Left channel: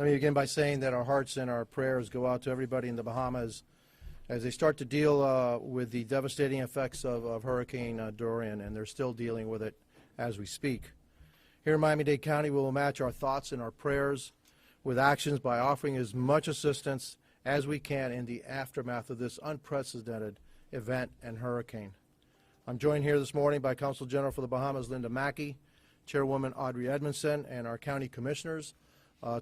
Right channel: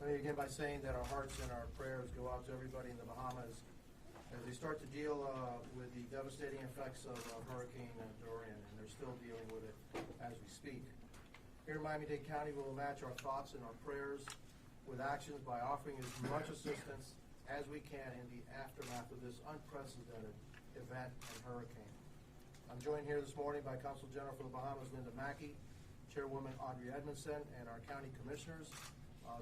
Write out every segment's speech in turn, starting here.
Let me begin by saying that our hearts and our prayers go out to everybody in the Bahamas as they start to deal with the devastating effects of Hurricane Dorian, and they're still dealing with it as we speak. Here in Miami-Dade County, we will match our thoughts and our prayers with actions by offering as much assistance as we can in the aftermath of this unprecedented event and hurricane. I'm joined here this morning by Consul General for the Bahamas, Linda Mackey, Chairwoman Audrey Edmondson, and our county commissioners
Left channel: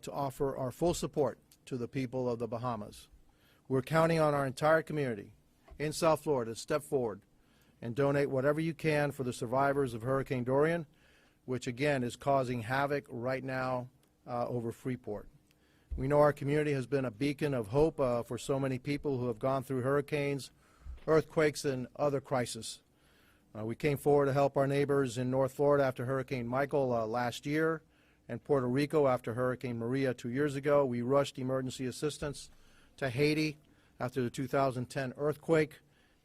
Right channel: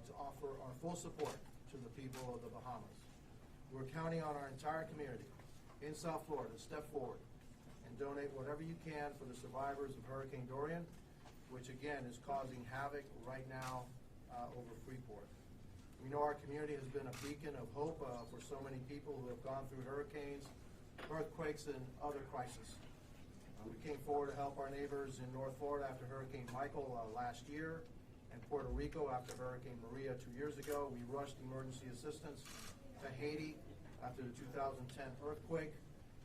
to offer our full support to the people of the Bahamas. We're counting on our entire community in South Florida to step forward and donate whatever you can for the survivors of Hurricane Dorian, which again is causing havoc right now over Freeport. We know our community has been a beacon of hope for so many people who have gone through hurricanes, earthquakes, and other crises. We came forward to help our neighbors in North Florida after Hurricane Michael last year, and Puerto Rico after Hurricane Maria 2 years ago. We rushed emergency assistance to Haiti after the 2010 earthquake,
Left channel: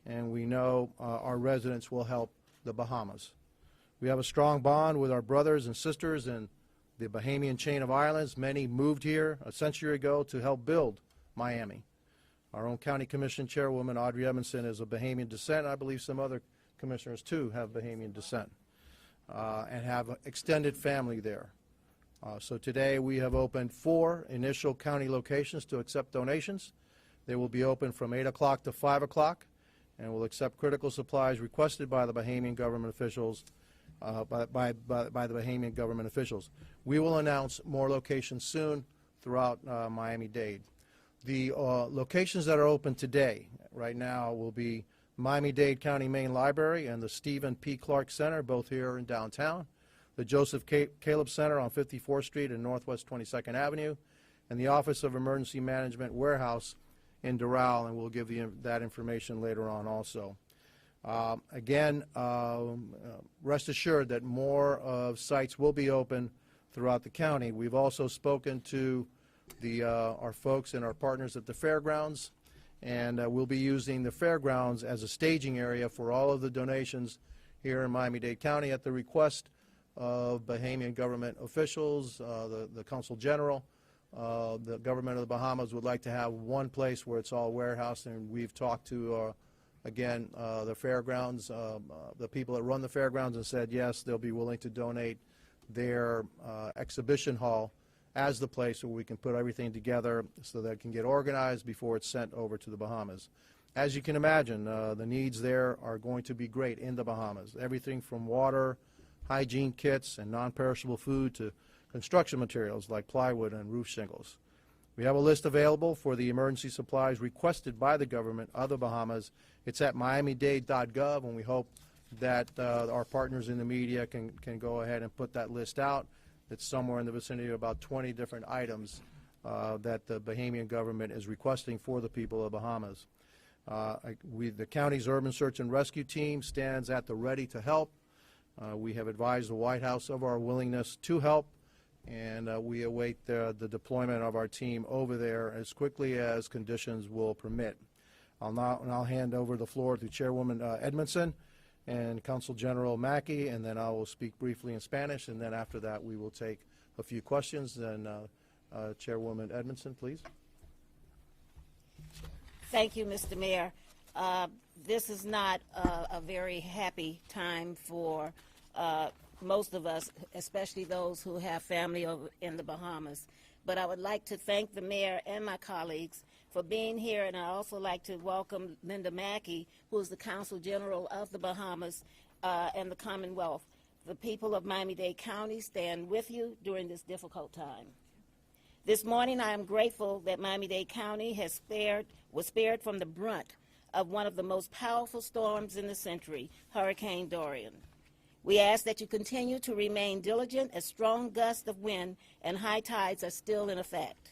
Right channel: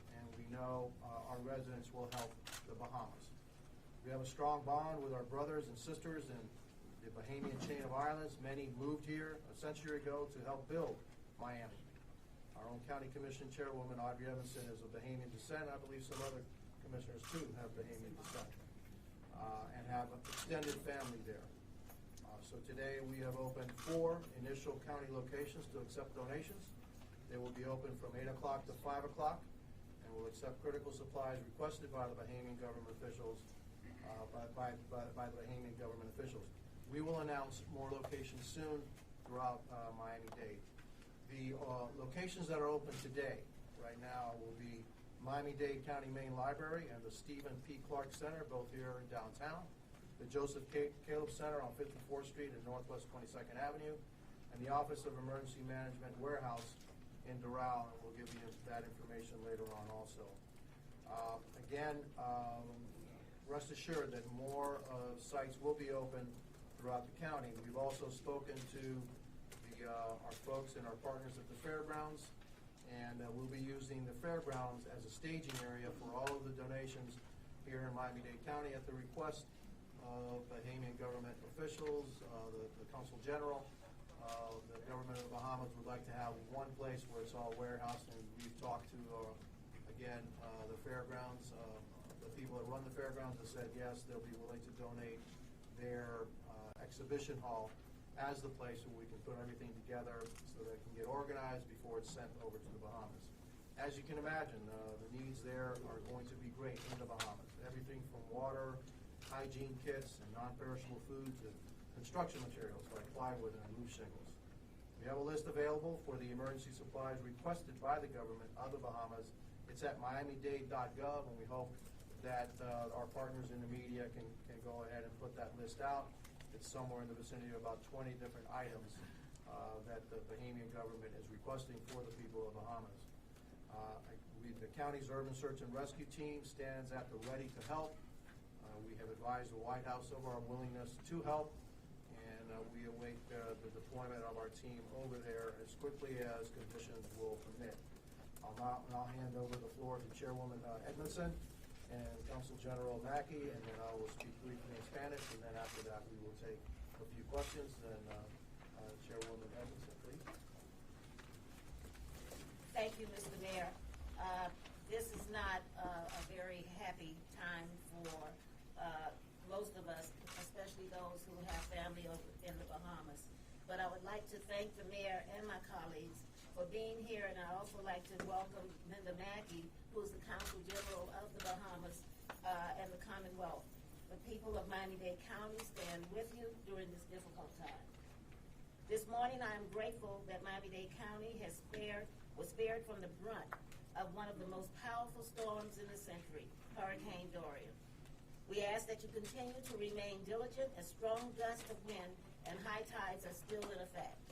and we know our residents will help the Bahamas. We have a strong bond with our brothers and sisters in the Bahamian chain of islands. Many moved here a century ago to help build Miami. Our own County Commission Chairwoman Audrey Edmondson is of Bahamian descent. I believe some other commissioners too have Bahamian descent and have extended family there. So today we have opened 4 initial county locations to accept donations. They will be open from 8 o'clock to 5 o'clock and will accept critical supplies requested by the Bahamian government officials. By the Bahamian government officials. We will announce more locations soon throughout Miami-Dade. The locations that are open today, right now, will be Miami-Dade County Main Library and the Stephen P. Clark Center, both here in downtown, the Joseph Caleb Center on 54th Street and Northwest 22nd Avenue, and the Office of Emergency Management Warehouse in Doral, and we'll give you that information later on also. Again, rest assured that more of sites will be open throughout the county. We've also spoken to our folks and our partners at the fairgrounds, and we'll be using the fairgrounds as a staging area for all of the donations here in Miami-Dade County at the request of Bahamian government officials, the Consul General. The government of the Bahamas would like to have one place where it's all warehoused, and we've talked to again, the fairgrounds, the people that run the fairgrounds, and said yes, they'll be willing to donate their exhibition hall as the place where we can put everything together so that it can get organized before it's sent over to the Bahamas. As you can imagine, the needs there are going to be great in the Bahamas. Everything from water, hygiene kits, and non-perishable food to construction materials like plywood and roof shingles. We have a list available for the emergency supplies requested by the government of the Bahamas. It's at miamidade.gov, and we hope that our partners in the media can go ahead and put that list out. It's somewhere in the vicinity of about 20 different items that the Bahamian government is requesting for the people of the Bahamas. The county's urban search and rescue team stands at the ready to help. We have advised the White House of our willingness to help, and we await the deployment of our team over there as quickly as conditions will permit. I'll now hand over the floor to Chairwoman Edmondson and Consul General Mackey, and then I will speak briefly in Spanish, and then after that we will take a few questions. Then Chairwoman Edmondson, please. Thank you, Mr. Mayor. This is not a very happy time for most of us, especially those who have family over in the Bahamas. But I would like to thank the mayor and my colleagues for being here, and I'd also like to welcome Linda Mackey, who is the Consul General of the Bahamas and the Commonwealth. The people of Miami-Dade County stand with you during this difficult time. This morning, I am grateful that Miami-Dade County was spared from the brunt of one of the most powerful storms in the century, Hurricane Dorian. We ask that you continue to remain diligent as strong gusts of wind and high tides are still in effect.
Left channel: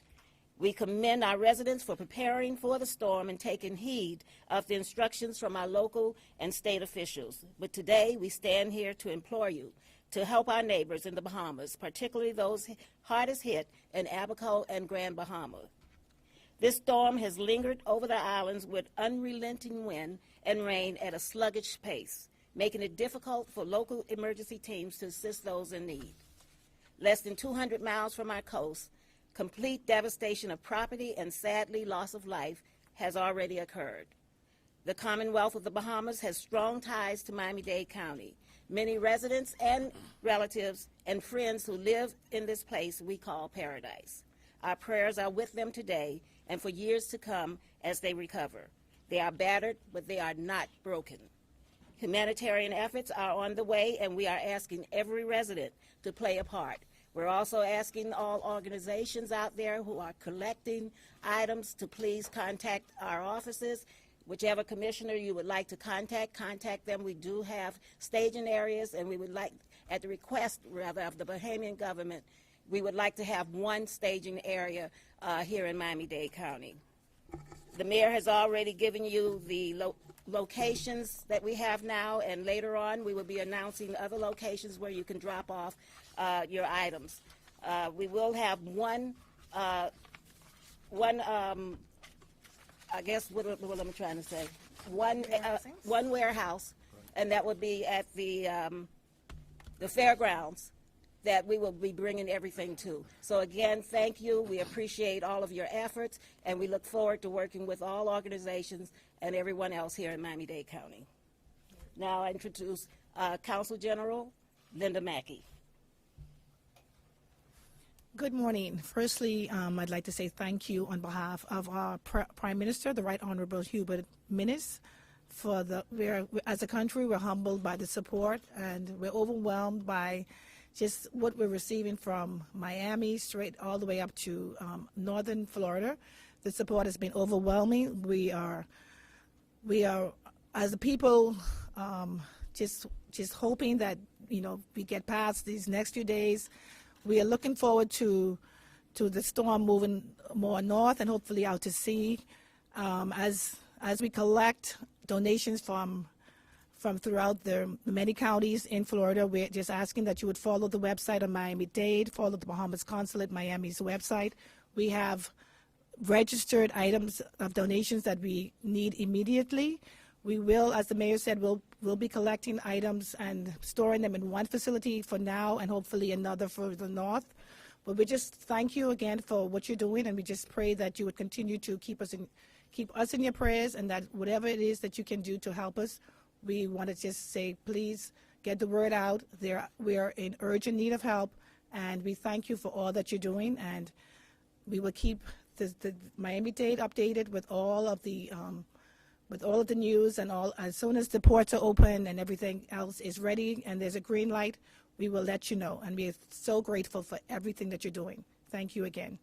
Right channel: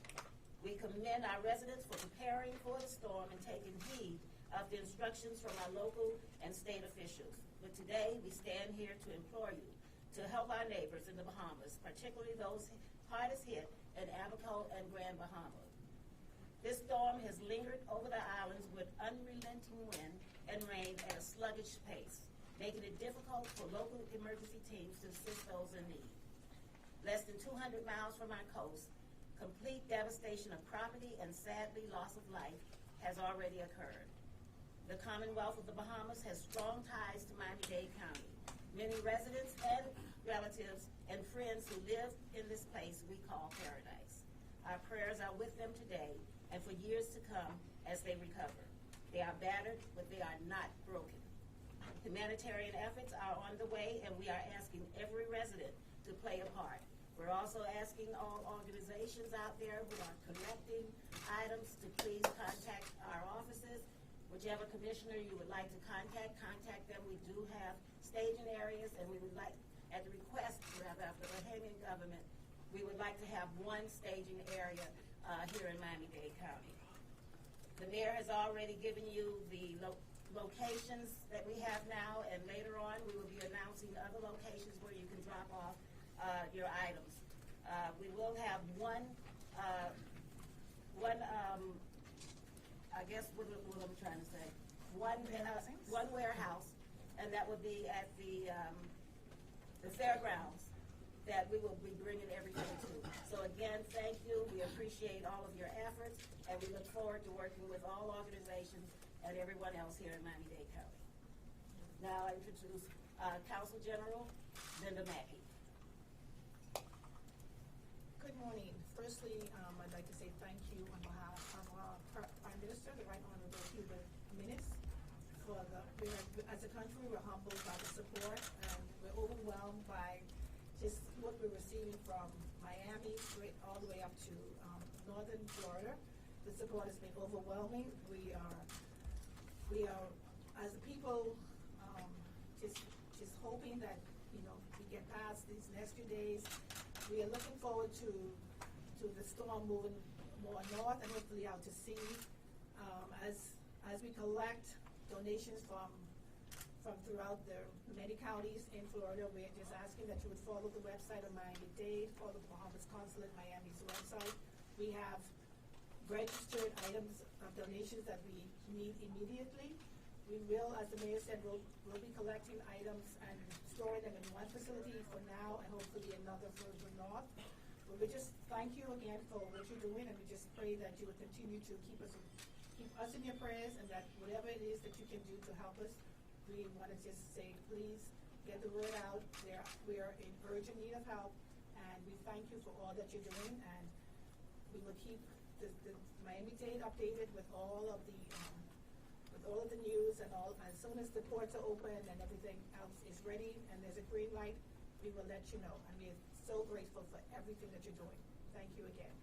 We commend our residents for preparing for the storm and taking heed of the instructions from our local and state officials. But today, we stand here to implore you to help our neighbors in the Bahamas, particularly those hardest hit in Abaco and Grand Bahama. This storm has lingered over the islands with unrelenting wind and rain at a sluggish pace, making it difficult for local emergency teams to assist those in need. Less than 200 miles from our coast, Complete devastation of property and sadly loss of life has already occurred. The Commonwealth of the Bahamas has strong ties to Miami-Dade County. Many residents and relatives and friends who live in this place we call paradise. Our prayers are with them today and for years to come as they recover. They are battered, but they are not broken. Humanitarian efforts are on the way, and we are asking every resident to play a part. We're also asking all organizations out there who are collecting items to please contact our offices. Whichever commissioner you would like to contact them. We do have staging areas, and we would like, at the request, rather, of the Bahamian government, we would like to have one staging area here in Miami-Dade County. The mayor has already given you the locations that we have now, and later on we will be announcing other locations where you can drop off your items. We will have one I guess what am I trying to say? One warehouse, and that would be at the fairgrounds that we will be bringing everything to. So again, thank you. We appreciate all of your efforts, and we look forward to working with all organizations and everyone else here in Miami-Dade County. Now I introduce Council General Linda Mackey. Good morning. Firstly, I'd like to say thank you on behalf of our Prime Minister, the Right Honorable Hubert Minnis, for as a country, we're humbled by the support, and we're overwhelmed by just what we're receiving from Miami straight all the way up to northern Florida. The support has been overwhelming. We are as a people, just hoping that we get past these next few days. We are looking forward to the storm moving more north and hopefully out to sea. As we collect donations from throughout the many counties in Florida, we're just asking that you would follow the website of Miami-Dade, follow the Bahamas Consulate Miami's website. We have registered items of donations that we need immediately. We will, as the mayor said, we'll be collecting items and storing them in one facility for now and hopefully another further north. But we just thank you again for what you're doing, and we just pray that you would continue to keep us in your prayers, and that whatever it is that you can do to help us, we want to just say, please get the word out. We are in urgent need of help, and we thank you for all that you're doing, and we will keep the Miami-Dade updated with all of the news and all. As soon as the ports are open and everything else is ready and there's a green light, we will let you know. And we are so grateful for everything that you're doing. Thank you again.